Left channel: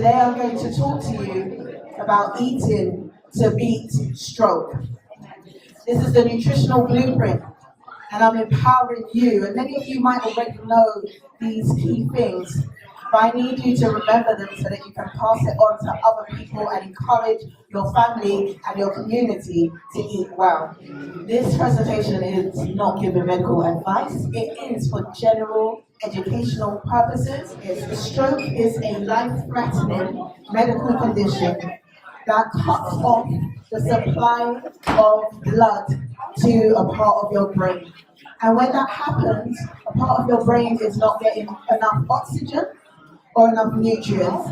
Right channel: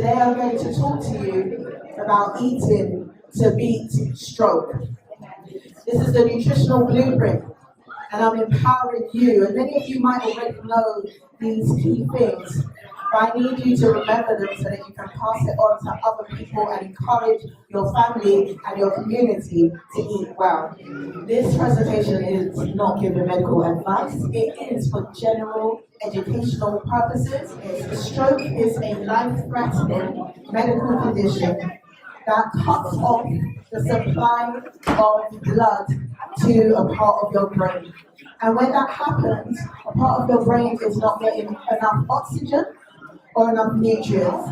Today I'm going to talk to you about eating to beat stroke. This is the Nutritional Blueprint, and I'm empowering you, and many of you might already know these key things, but I need you to remember them so that you can pass it on to other people and encourage your family and your community to eat well. This presentation is not giving medical advice, it is for general educational purposes. Stroke is a life-threatening medical condition that cuts off the supply of blood to a part of your brain. And when that happens, a part of your brain is not getting enough oxygen or enough nutrients.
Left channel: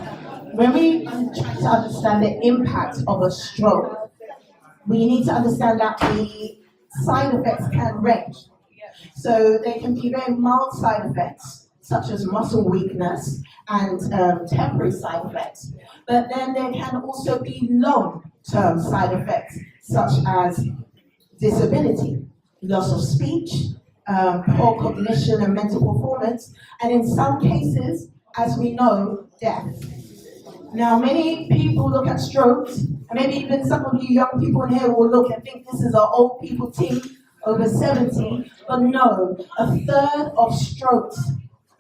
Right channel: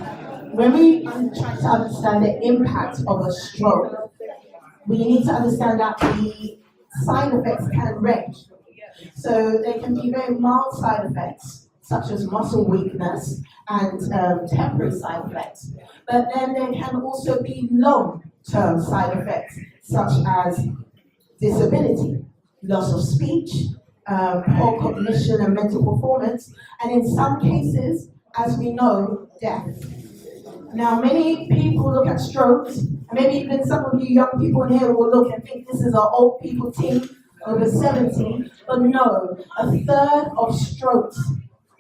When we try to understand the impact of a stroke, we need to understand that the side effects can range. So they can be very mild side effects, such as muscle weakness and temporary side effects. But then there can also be long-term side effects, such as disability, loss of speech, poor cognition and mental performance, and in some cases, as we know, death. Now, many people look at strokes, and maybe even some of you young people in here will look and think this is an old people team, over 70, but no, a third of strokes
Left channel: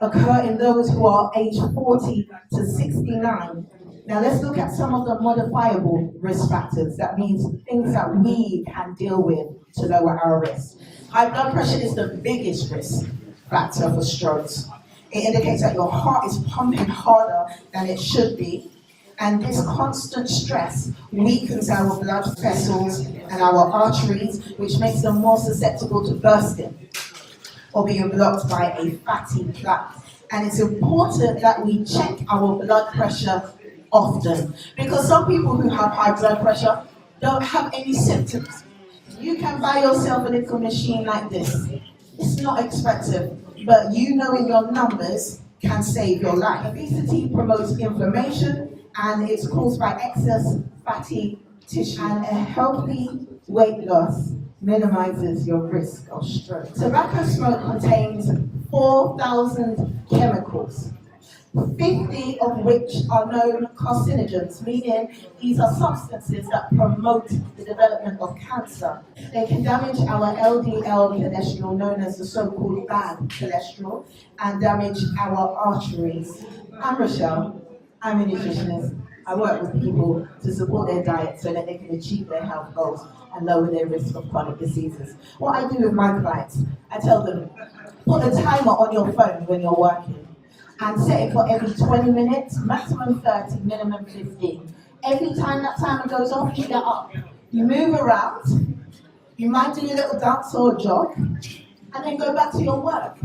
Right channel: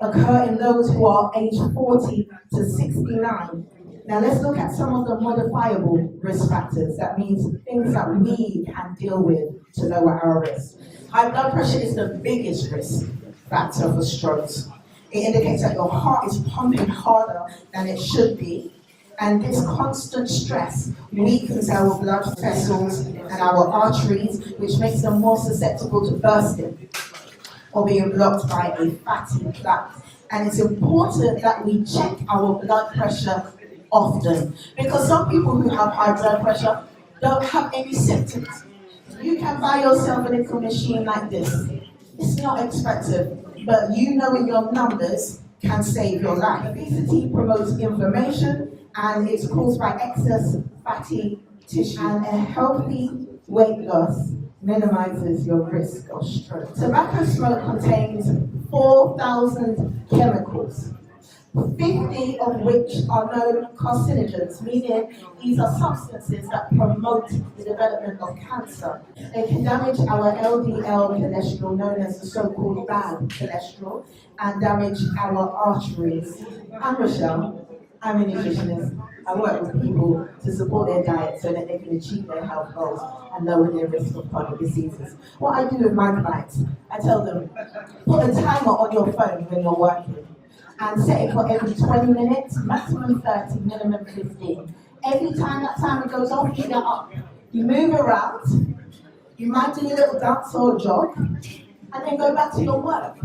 occur in those who are aged 40 to 69. Now let's look at some of the modifiable risk factors. That means things that we can deal with to lower our risk. High blood pressure is the biggest risk factor for strokes. It indicates that your heart is pumping harder than it should be, and this constant stress weakens our blood vessels and our arteries, which makes them more susceptible to bursting or being blocked by a fatty plaque. And it's important that we check our blood pressure often, because some people who have high blood pressure don't have any symptoms. You can buy yourself a little machine like this. It's not expensive, but you knowing your numbers can save your life. Obesity promotes inflammation, and it's caused by excess fatty tissue. And a healthy weight loss minimizes your risk of stroke. Tobacco smoke contains 4,000 chemicals, 50 of which are known carcinogens, meaning these are substances that promote the development of cancer. They can damage our LDL cholesterol, known as the so-called bad cholesterol, and damage our arteries. I'm Rochelle. I'm a nutritionist. I work with people to support their diet so that they can achieve their health goals and lower their risk of chronic diseases. What I do with my clients, I tell them, put a timer on your phone when you're working and set it for every 20 minutes, maximum 30, minimum 15. Every time that timer goes off, you get up. You move around, you might do a little dance or jog, and then go back to your work.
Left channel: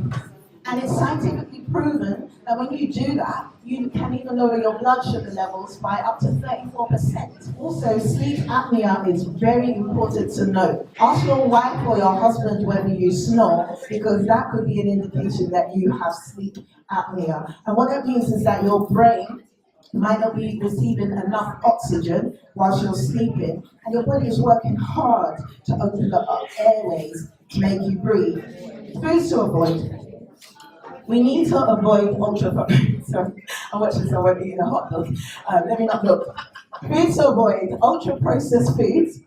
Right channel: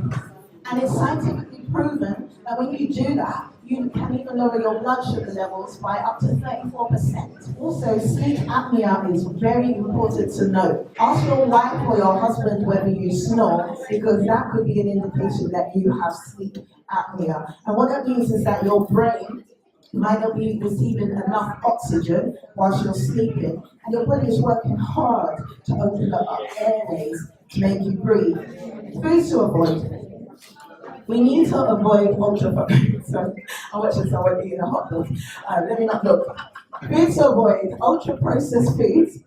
And it's scientifically proven that when you do that, you can even lower your blood sugar levels by up to 34%. Also, sleep apnea is very important to know. Ask your wife or your husband whether you snore, because that could be an indication that you have sleep apnea. And what that means is that your brain might not be receiving enough oxygen whilst you're sleeping, and your body is working hard to open up airways to make you breathe. Foods to avoid. We need to avoid sorry, I'm watching someone eating a hot dog. Let me not look. Foods to avoid: ultra-processed foods,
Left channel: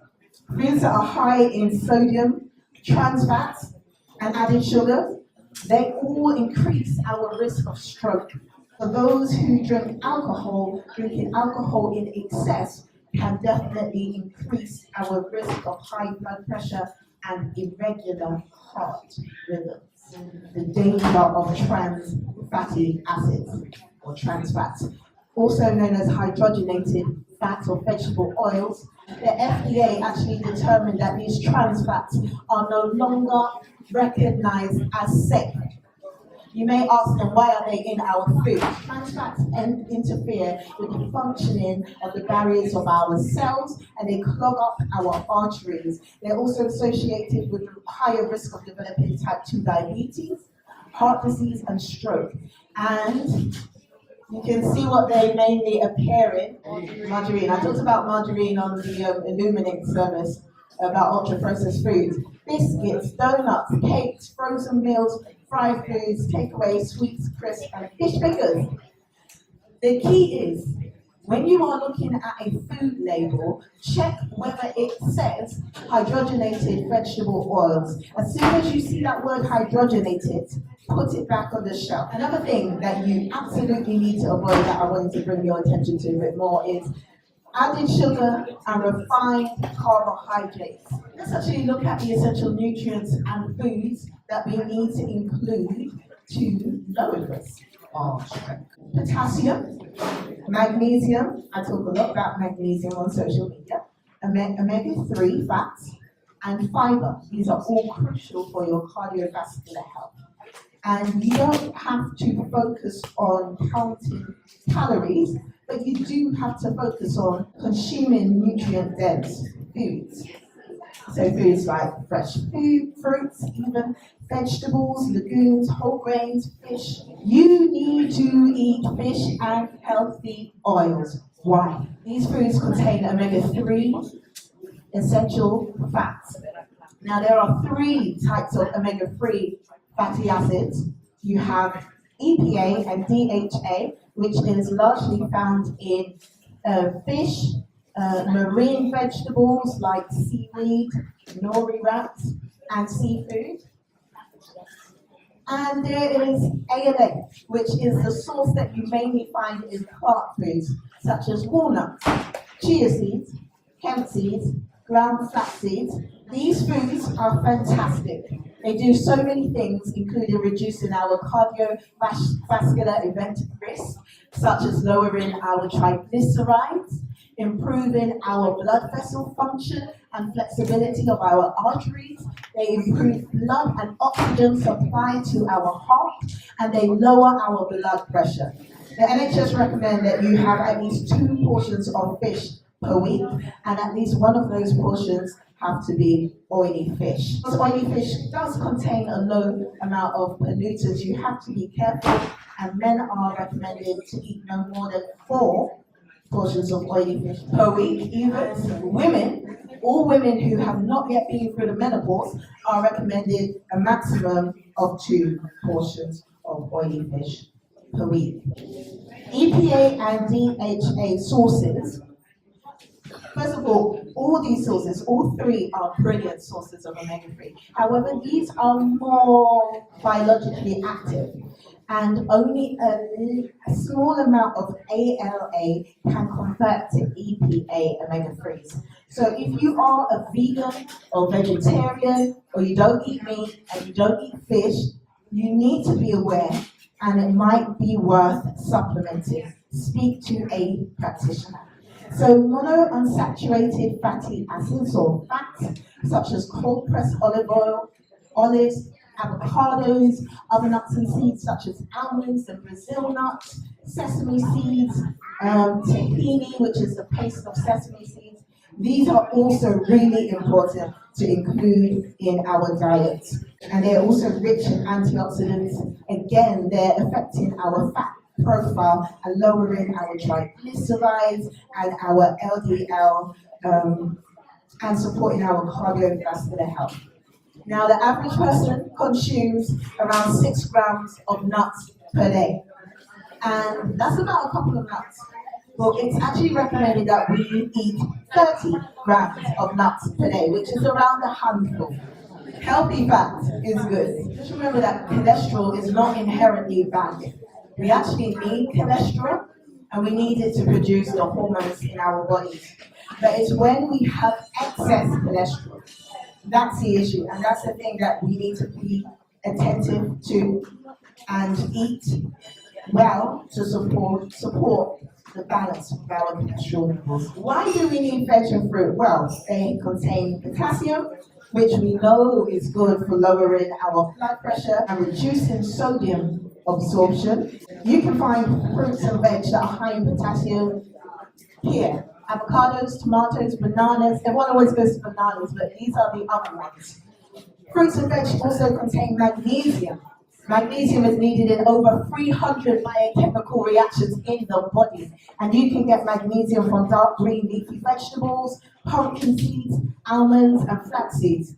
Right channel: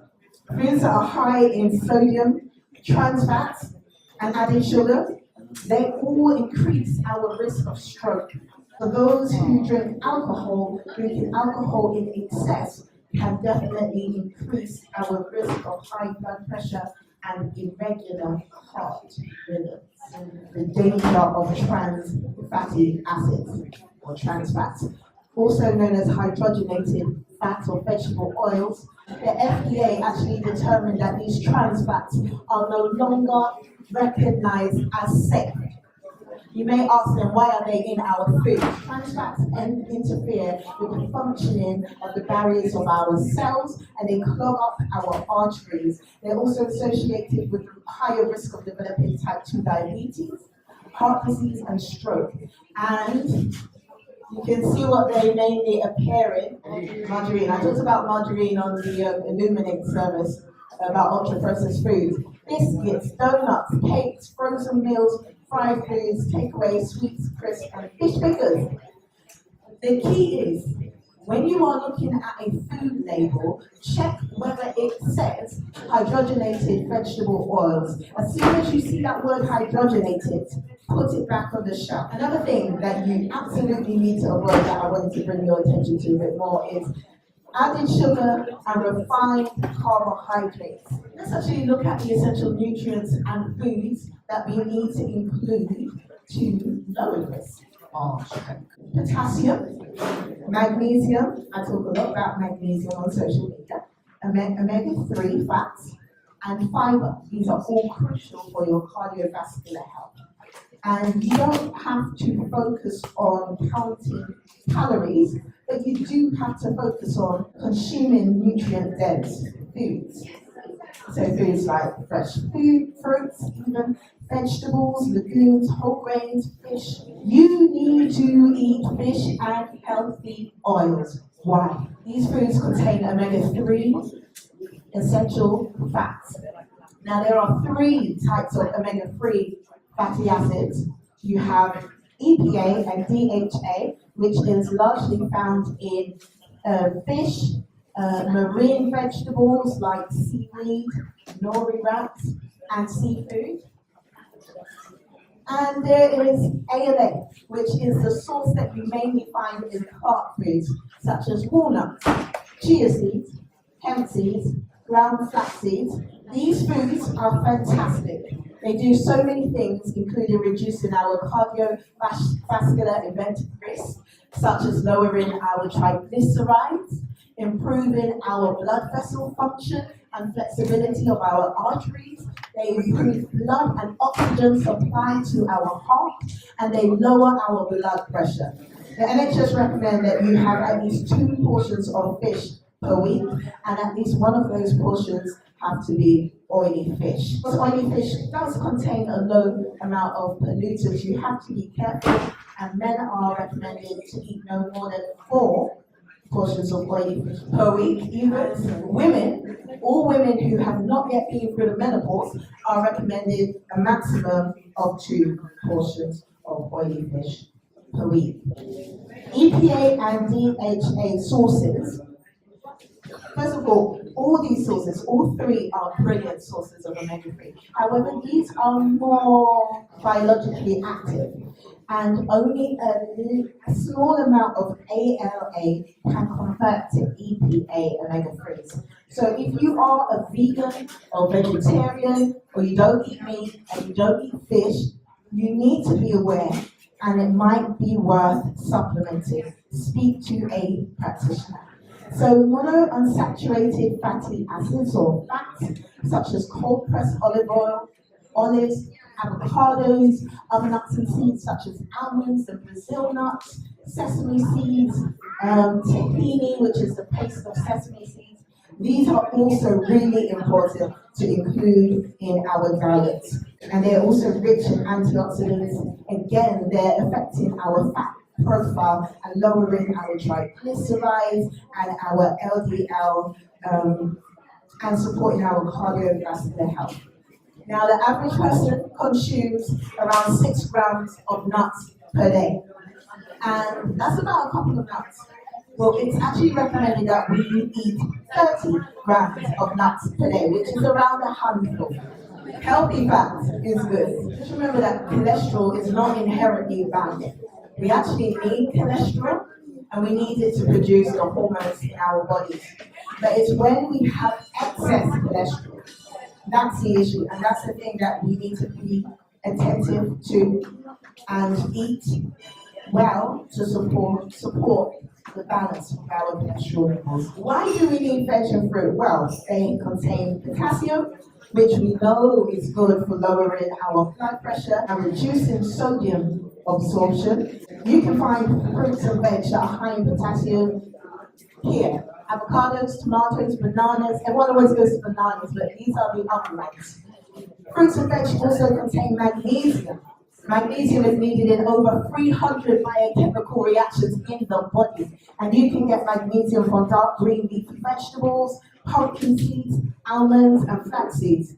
foods that are high in sodium, trans fats, and added sugar. They all increase our risk of stroke. For those who drink alcohol, drinking alcohol in excess can definitely increase our risk of high blood pressure and irregular heart rhythms. The danger of trans fatty acids, or trans fats, also known as hydrogenated fats or vegetable oils. The FDA actually determined that these trans fats are no longer recognized as safe. You may ask them, why are they in our food? Trans fats interfere with the functioning of the barriers of our cells, and they clog up our arteries. They're also associated with higher risk of developing type 2 diabetes, heart disease, and stroke. And you can see what they mainly appear in. Margarine. I talked about margarine on the Illuminate service about ultra-processed foods. Biscuits, donuts, cakes, frozen meals, fried foods, takeaway, sweets, crisps, and fish fingers. The key is When you are looking at a food label, check whether it says hydrogenated vegetable oils. As soon as you see that word hydrogenated, put it back on the shelf. Another thing that you absolutely need to avoid that I wanted to bring your attention to a bit more is added sugar and refined carbohydrates. Let's actually look at the essential nutrients and foods that we need to include to lower this. Potassium, magnesium, I talk a lot about magnesium on social media, omega-3 fats, and fiber. These are all crucial for your cardiovascular health. And you don't have to focus on counting calories, but you do have to focus on consuming nutrient-dense foods. So foods like fresh food, fruits, even vegetables, legumes, whole grains, fish. You need to eat fish and healthy oils. Why? These foods contain omega-3 essential fats. Now there are 3 types of omega-3 fatty acids. You have EPA and DHA, which is largely found in fish, marine vegetables like seaweed, nori wraps, and seafood. And there is Elle, which is the source that you mainly find in plant foods, such as walnuts, chia seeds, hemp seeds, ground flax seeds. These foods are fantastic. They do so many things, including reducing our cardiovascular event risk, such as lowering our triglycerides, improving our blood vessel function and flexibility of our arteries. They improve blood and oxygen supply to our heart, and they lower our blood pressure. The NHS recommend that you have at least 2 portions of fish per week, and at least one of those portions have to be oily fish. Because oily fish does contain a low amount of pollutants, you have to be careful, and men are recommended to eat no more than 4 portions of oily fish per week. Even women, all women who have not yet been through the menopause are recommended a maximum of 2 portions of oily fish per week. EPA and DHA sources. First of all these sources, all 3 are brilliant sources of omega-3. However, these are more biologically active, and only a small amount of ALA can convert to EPA omega-3s. So if you are a vegan or vegetarian, or you don't eat meat and you don't eat fish, you need to be aware, and it might be worth supplementing. Speak to a practitioner. So monounsaturated fatty acids or fats, such as cold-pressed olive oil, olives, avocados, other nuts and seeds such as almonds and Brazil nuts, sesame seeds, tahini, which is the paste of sesame seeds. These are also really important to include in our diet. And they're also rich in antioxidants. Again, they're affecting our fat profile and lowering our triglycerides and our LDL and supporting our cardiovascular health. Now, the average person consumes around 6 grams of nuts per day, and that's about a couple of nuts. Well, it's actually recommended that we eat 30 grams of nuts per day, which is around a handful. Healthy fat is good. Just remember that cholesterol is not inherently bad. We actually need cholesterol, and we need it to produce the hormones in our bodies. But it's when we have excess cholesterol, that's the issue, and that's the thing that we need to be attentive to and eat well to support the balance of our cholesterol levels. Why do we need veg and fruit? Well, they contain potassium, which we know is good for lowering our blood pressure and reducing sodium absorption. You can find fruits and veg that are high in potassium here. Avocados, tomatoes, bananas. Everyone always goes to bananas, but these are the other ones. Fruits and veg also contain magnesium. Magnesium is needed in over 300 biochemical reactions in the body. And you can get magnesium from dark green leafy vegetables, pumpkin seeds, almonds, and flax seeds.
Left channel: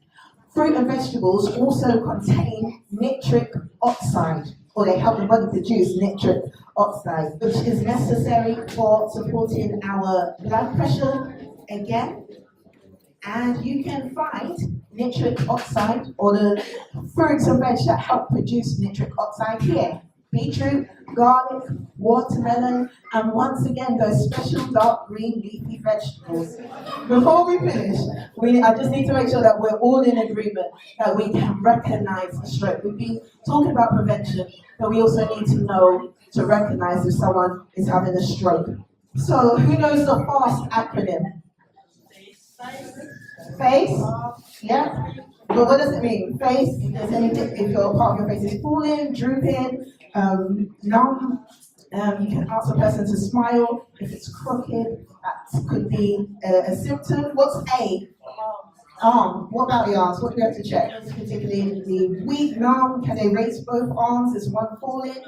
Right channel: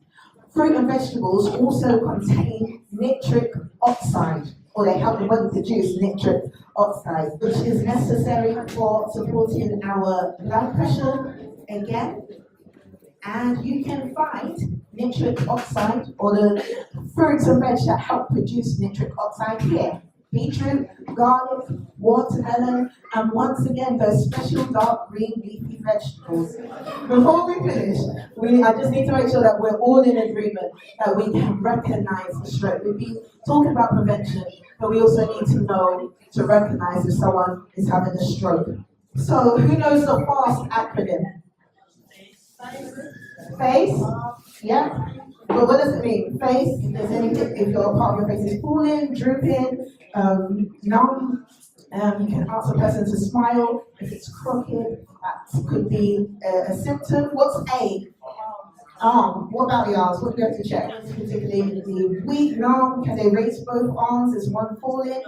Fruit and vegetables also contain nitric oxide, or they help the body produce nitric oxide, which is necessary for supporting our blood pressure again. And you can find nitric oxide or the fruits and veg that help produce nitric oxide here. Beetroot, garlic, watermelon, and once again those special dark green leafy vegetables. Before we finish, I just need to make sure that we're all in agreement that we can recognize the stroke. We've been talking about prevention, but we also need to know to recognize if someone is having a stroke. So who knows the FAST acronym? Face? Yeah. But what does it mean? Face, if there's anything, if your part of your face is falling, drooping, numb, you can ask the person to smile. If it's crooked, that could be a symptom. What's A? Arm. What about the arms? What do we have to check? Particularly the weak, numb, can they raise both arms? Is one falling?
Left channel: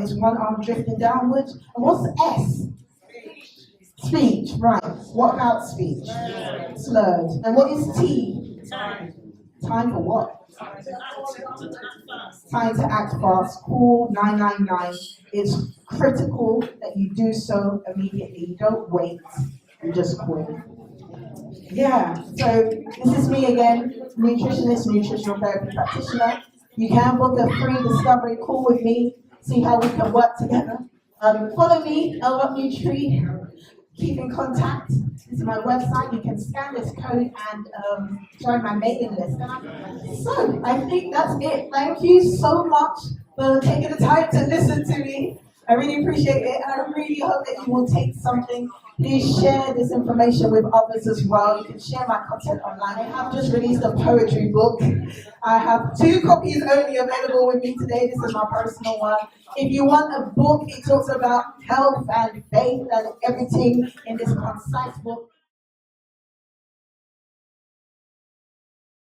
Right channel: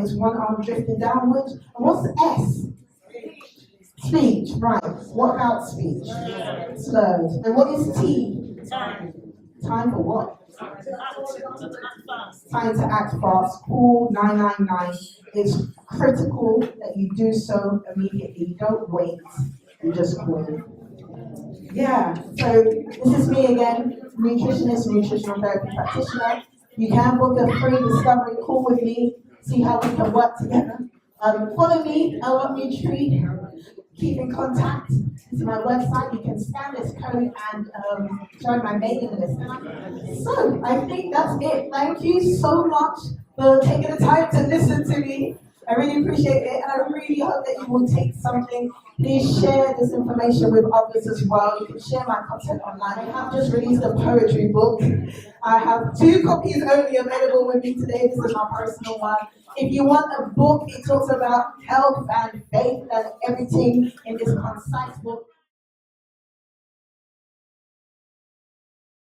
Is one arm drifting downwards? And what's S? Speech, right. What about speech? Slurred. And what is T? Time for what? Time to act fast. Call 999. It's critical that you do so immediately. Don't wait. You just call it. Yeah. So this is me again, nutritionist, nutritional therapy practitioner. You can book a free discovery call with me. See how we can work together. Follow me, Elle Nutri. Keep in contact. This is my website. You can scan this code and join my mailing list. So I think that's it. Thank you so much for taking the time to listen to me. I really appreciate it, and I really hope that you will take something. Please share this information with others as well. You can share my content online. I have just released a poetry book. I have 2 copies only available with me today. This is my personal one. If you want a book, it talks about health and faith and everything in this concise book.